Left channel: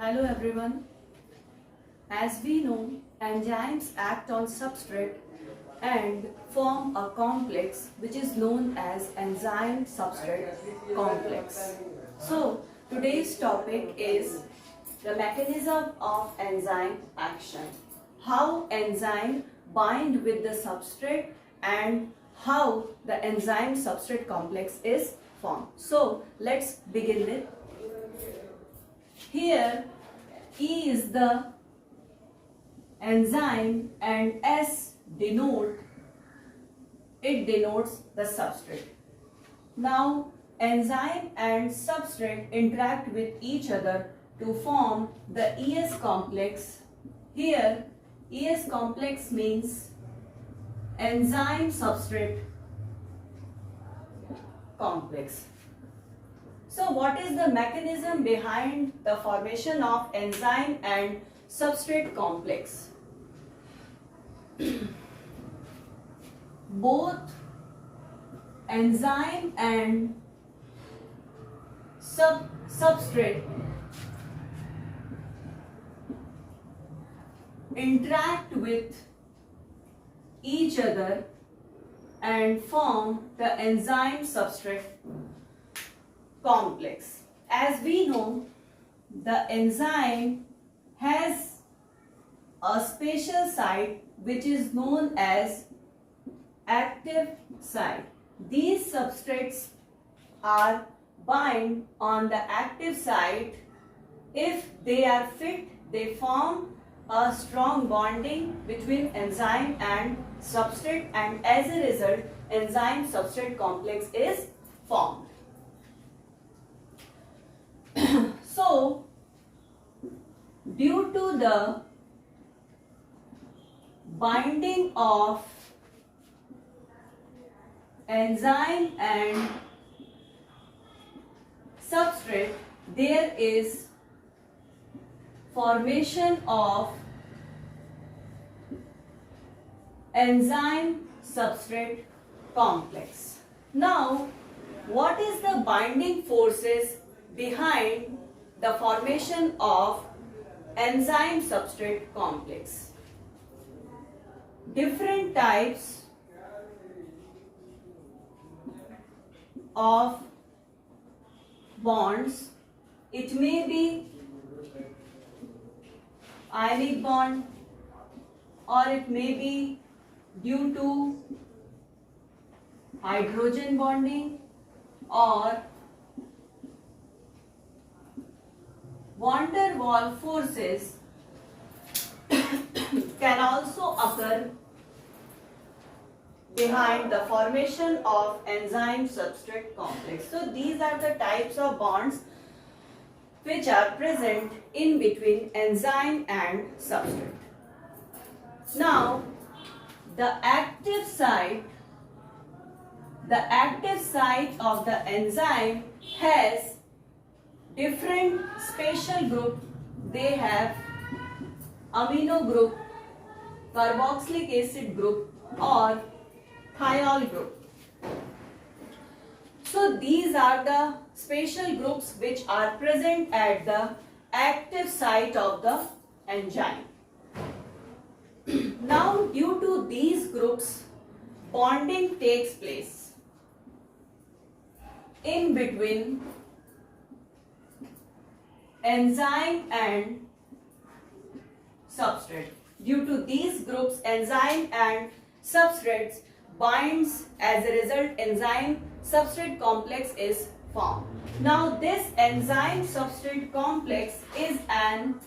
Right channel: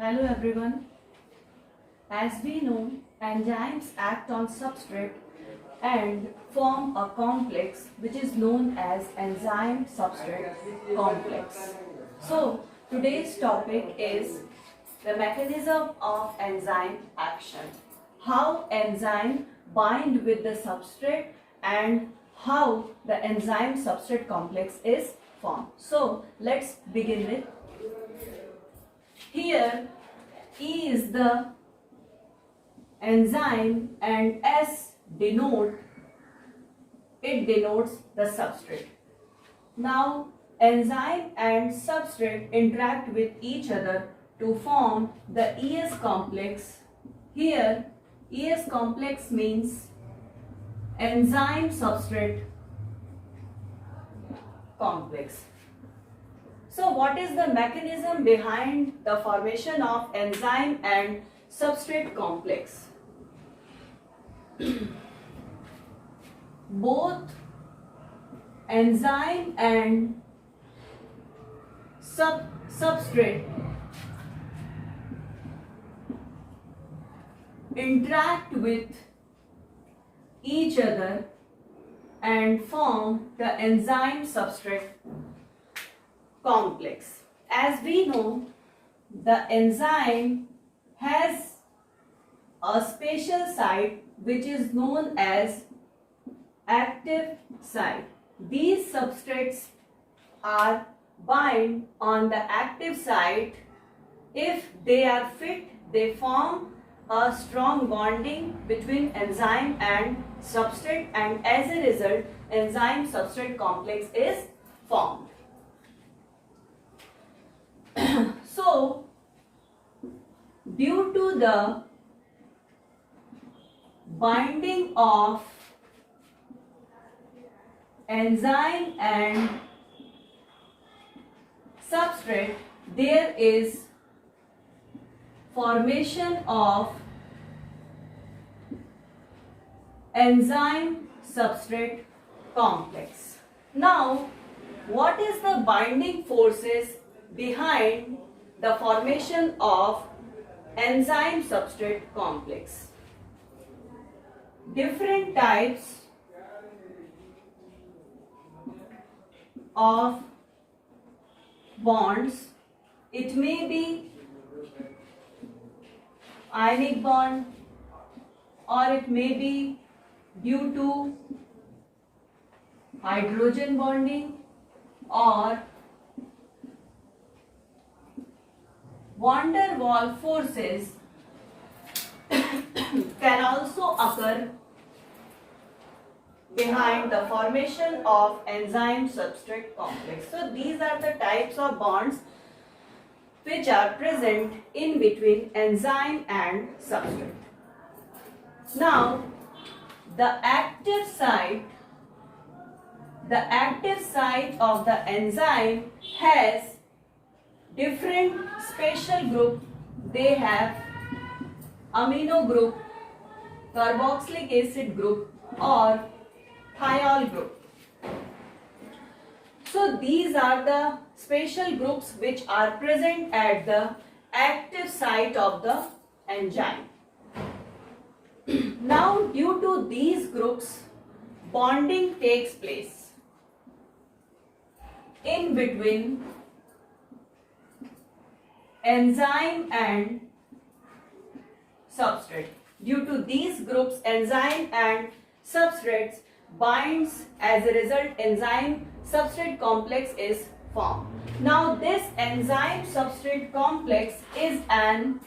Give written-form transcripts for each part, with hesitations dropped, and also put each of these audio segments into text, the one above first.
Hello everyone. As we know, enzymes act on substrate and form a complex which is known as enzyme substrate complex. So, today's topic is the mechanism of enzyme action. How enzyme bind with the substrate and how the enzyme substrate complex is formed. So, let's begin with. Here E is the enzyme and S denotes the substrate. Now enzyme and substrate interact with each other to form the ES complex. Here ES complex means enzyme substrate complex. So what is the mechanism behind the formation of enzyme and substrate complex? Both enzyme and substrate interact with each other and form the enzyme substrate complex. As we know, the enzyme has a special site which is known as active site. These substrates are bind on the active site. If they are fit, they form a strong bonding between enzyme and substrate, and as a result enzyme substrate complex is formed. So, due to the binding of enzyme and substrate, there is formation of enzyme substrate complex. Now, what is the binding forces behind the formation of enzyme substrate complex? Different types of bonds. It may be ionic bond, or it may be due to hydrogen bonding, or van der Waals forces can also occur behind the formation of enzyme substrate complex. So these are the types of bonds which are present in between enzyme and substrate. Now the active site of the enzyme has different special group. They have amino group, carboxylic acid group, or thiol group. So these are the special groups which are present at the active site of the enzyme. Now due to these groups, bonding takes place in between enzyme and substrate. Due to these groups, enzyme and substrates binds. As a result, enzyme substrate complex is formed. Now this enzyme substrate complex is an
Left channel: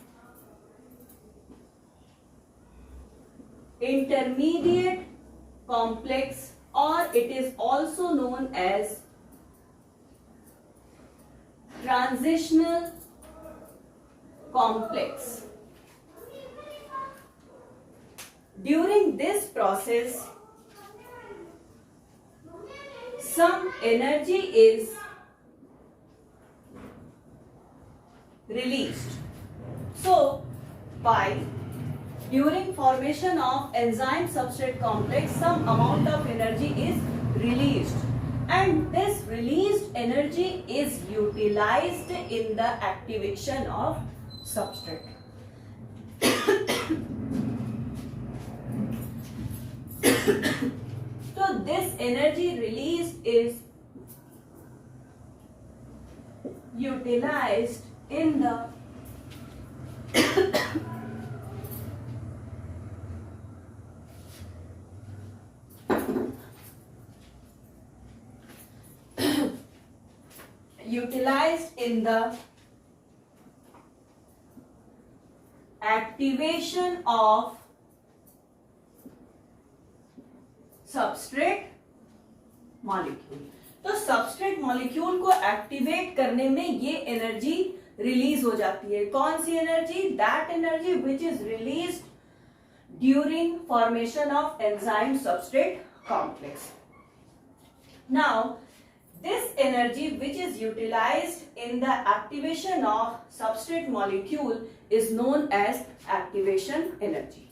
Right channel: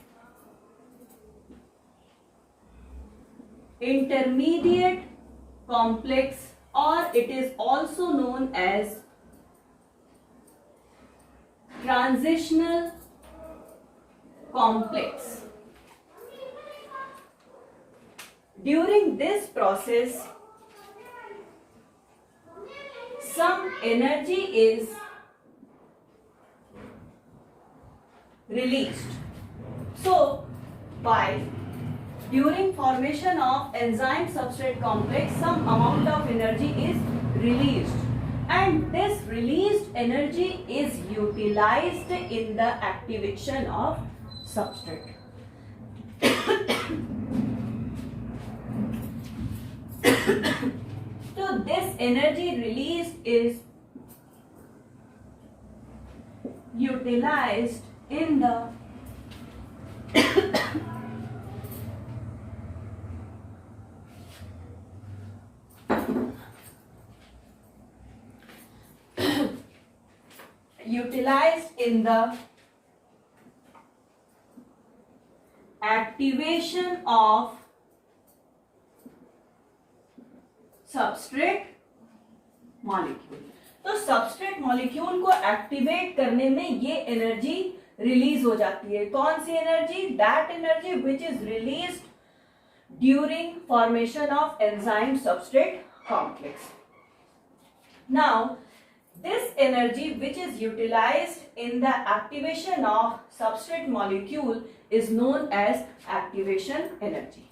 intermediate complex, or it is also known as transitional complex. During this process, some energy is released. So, during formation of enzyme substrate complex, some amount of energy is released, and this released energy is utilized in the activation of substrate. So this energy released is utilized in the activation of substrate molecule. तो substrate molecule को activate करने में ये energy release हो जाती है. कौन सी energy? That energy which is released during formation of enzyme substrate complex. Now this energy which is utilized in the activation of substrate molecule is known as activation energy.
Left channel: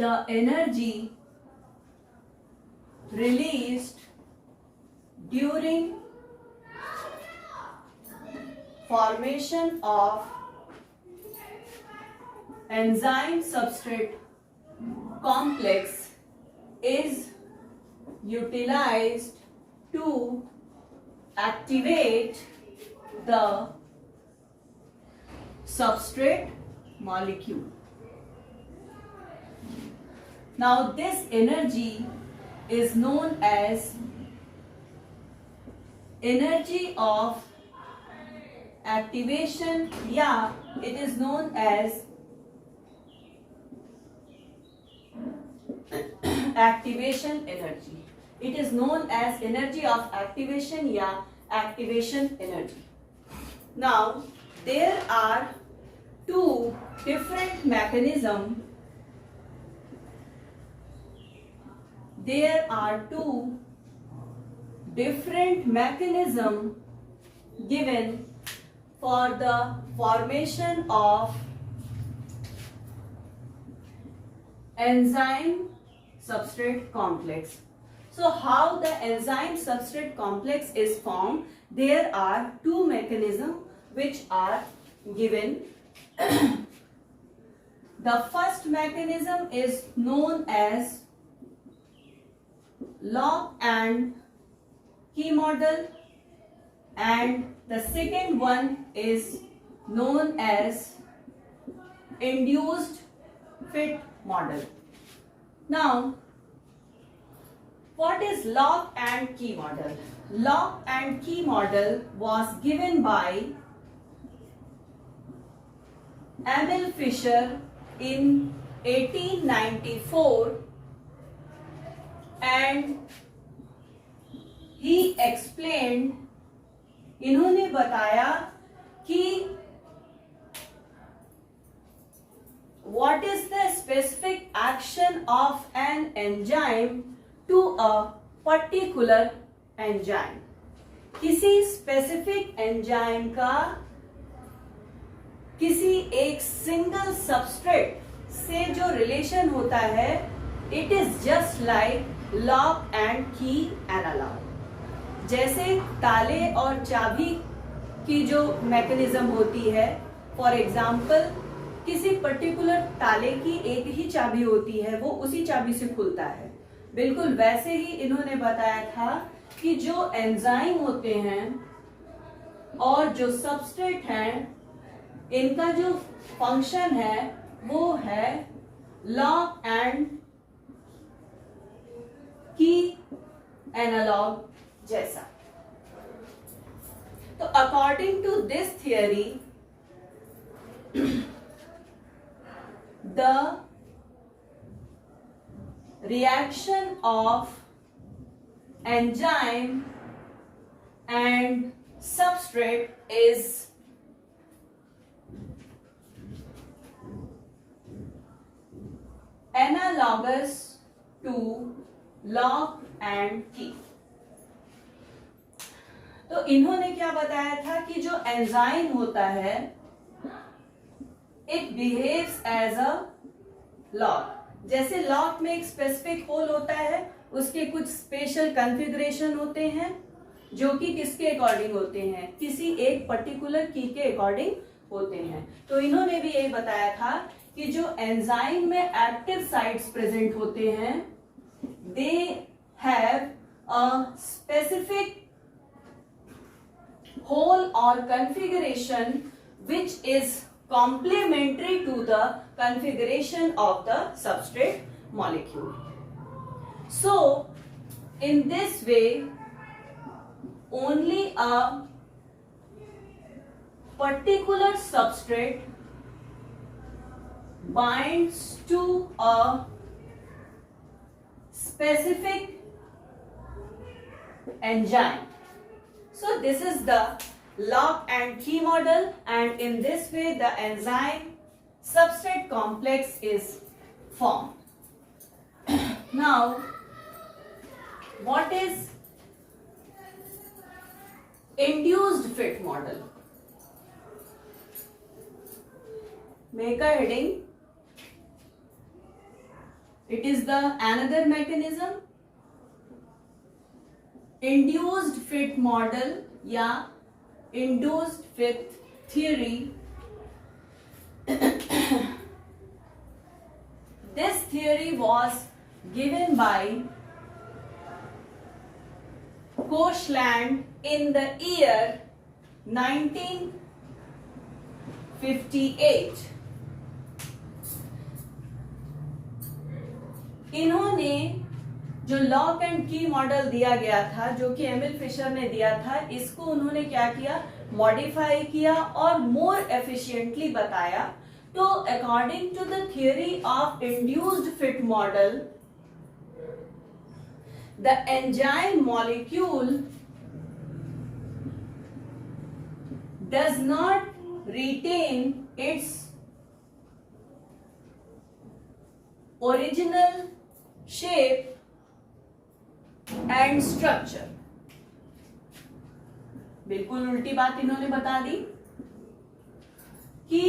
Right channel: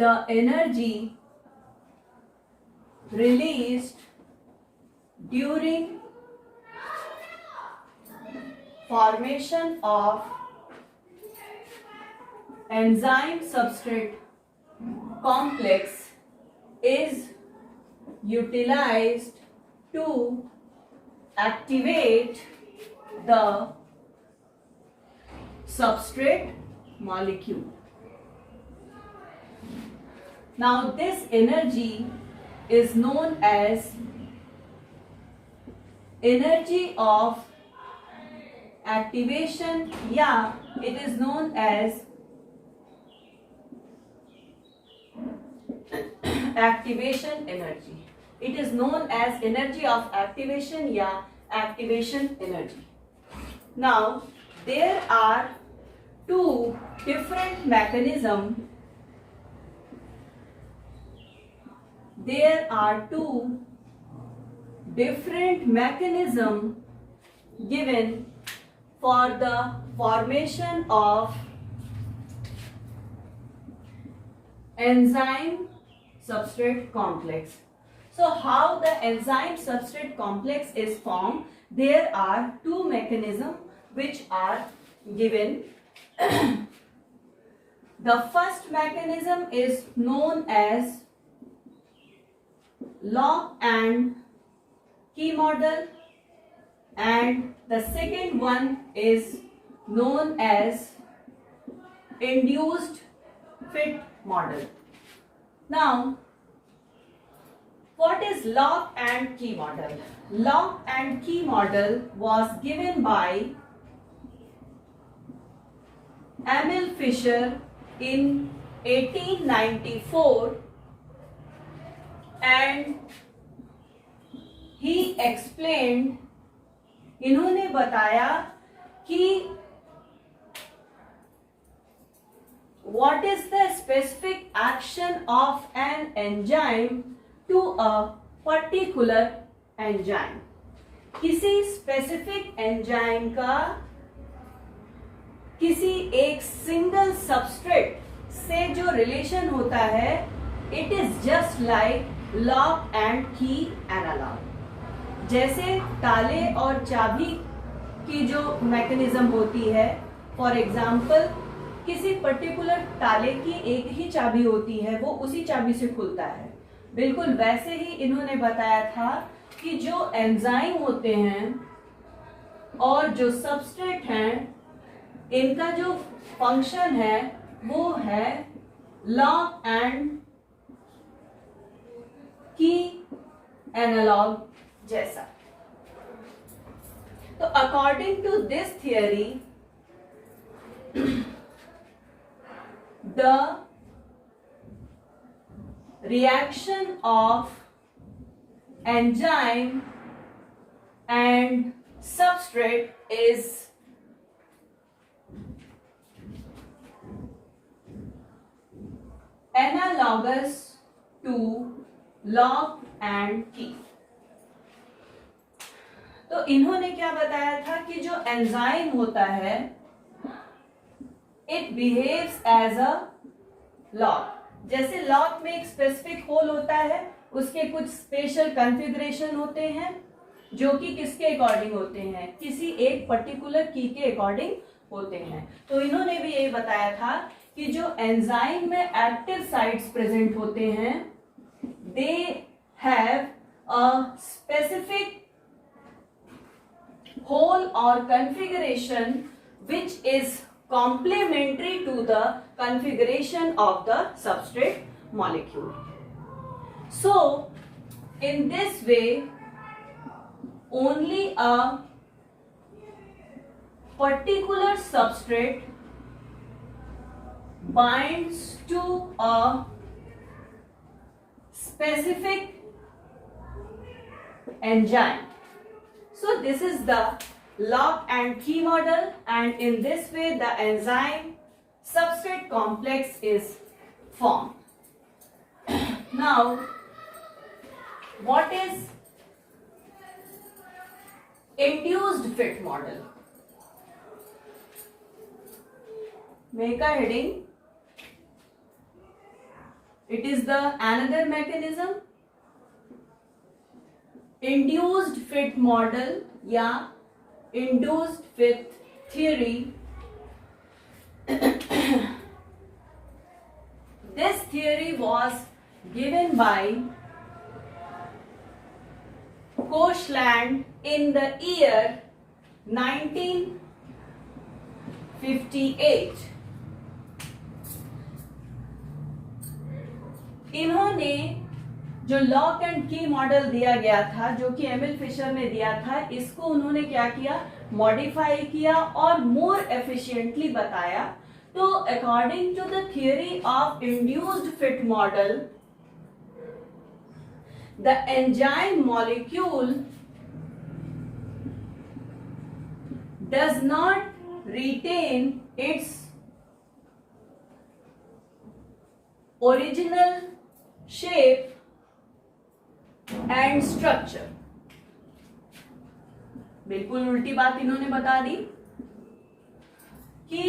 The energy released during formation of enzyme substrate complex is utilized to activate the substrate molecule. Now this energy is known as energy of activation, it is known as activation energy. It is known as energy of activation, activation energy. Now there are two different mechanisms. There are two different mechanisms given for the formation of enzyme substrate complex. So how the enzyme substrate complex is formed? There are two mechanisms which are given. The first mechanism is known as lock and key model, and the second one is known as induced fit model. Now, what is lock and key model? Lock and key model was given by Emil Fischer in 1894, and he explained, इन्होंने बताया कि what is the specific action of an enzyme to a particular enzyme. किसी specific enzyme का किसी एक single substrate से जो relation होता है, it is just like lock and key analog. जैसे ताले और चाबी की जो मैकेनिज्म होती है, फॉर एग्जाम्पल किसी पर्टिकुलर ताले की एक ही चाबी होती है, वो उसी चाबी से खुलता है. बिल्कुल वैसे ही इन्होंने बताया था कि जो एंजाइम होते हैं और जो सबस्ट्रेट हैं, इनका जो फंक्शन है वो है लॉक एंड की एनालॉग जैसा. तो according to this theory, the reaction of enzyme and substrate is analog analogous to lock and key. तो इन्होंने क्या बताया था कि जो एंजाइम होता है it behaves as a lock. जैसे लॉक में एक स्पेसिफिक होल होता है, उसके कुछ स्पेशल कॉन्फ़िगरेशन होते हैं जो कि किसके अकॉर्डिंग होते हैं, किसी एक पर्टिकुलर की के अकॉर्डिंग होते हैं. तो इन्होंने भी यही बताया था कि जो एंजाइम में एक्टिव साइट्स प्रेजेंट होते हैं they have a specific whole or configuration which is complementary to the configuration of the substrate molecule. So in this way only a particular substrate binds to a specific enzyme. So this is the lock and key model, and in this way the enzyme substrate complex is formed. Now what is induced fit model? Make a heading. It is the another mechanism. Induced fit model या induced fit theory. This theory was given by Koshland in the year 1958. इन्होंने जो lock and की model दिया गया था, जो कि Emil Fischer ने दिया था, इसको उन्होंने क्या किया, मॉडिफाई किया और मोर एफिशिएंटली बताया. तो according to the theory of induced fit model the enzyme molecule does not retain its original shape and structure. बिल्कुल उल्टी बात इन्होंने बता दी कि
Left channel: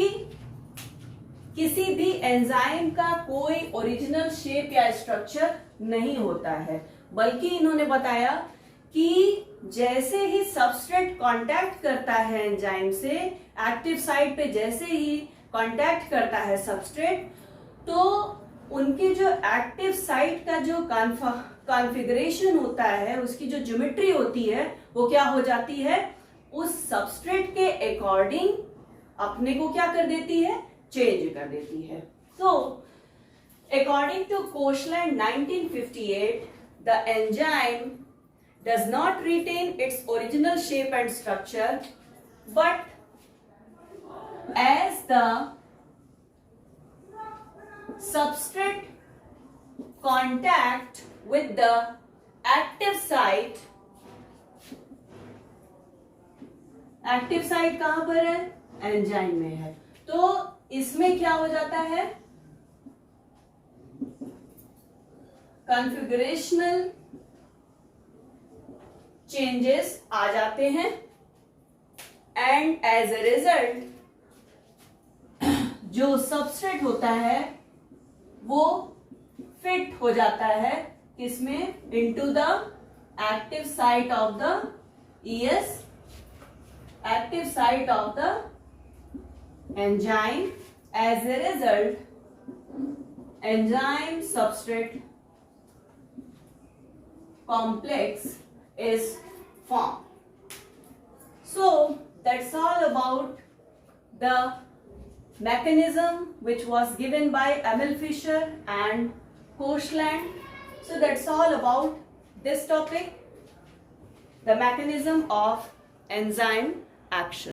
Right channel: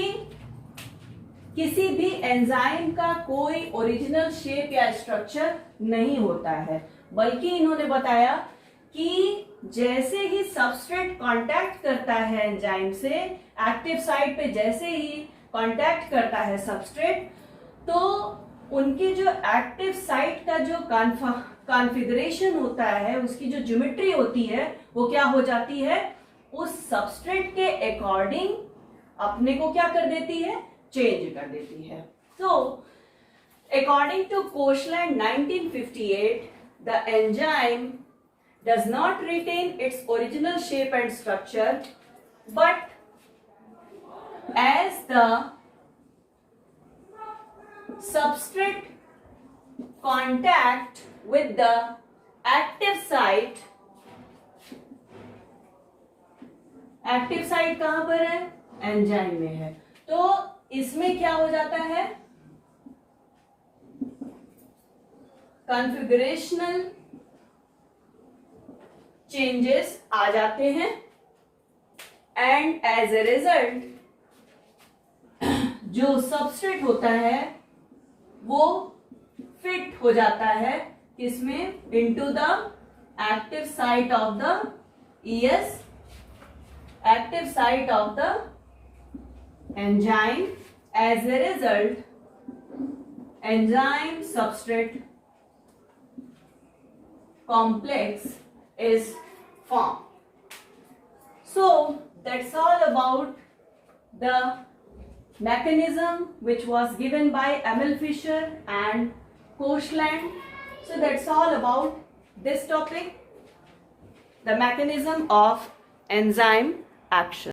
किसी भी एंजाइम का कोई ओरिजिनल शेप या स्ट्रक्चर नहीं होता है, बल्कि इन्होंने बताया कि जैसे ही सबस्ट्रेट कांटेक्ट करता है एंजाइम से, एक्टिव साइट पे जैसे ही कांटेक्ट करता है सबस्ट्रेट, तो उनकी जो एक्टिव साइट का जो कॉन्फ़िगरेशन होता है, उसकी जो ज्योमेट्री होती है, वो क्या हो जाती है, उस सबस्ट्रेट के अकॉर्डिंग अपने को क्या कर देती है, चेंज कर देती है. तो according to Koshland 1958 the enzyme does not retain its original shape and structure, but as the substrate contact with the active site कहां पर है, एंजाइम में है, तो इसमें क्या हो जाता है, कॉन्फ़िगरेशनल चेंजेस आ जाते हैं एंड एज ए रिजल्ट जो सबस्ट्रेट होता है वो फिट हो जाता है किसमें, into the active site of the ES, active site of the enzyme. As a result enzyme substrate complex is formed. So that's all about the mechanism which was given by Emil Fischer and Koshland. So that's all about this topic, the mechanism of enzyme action.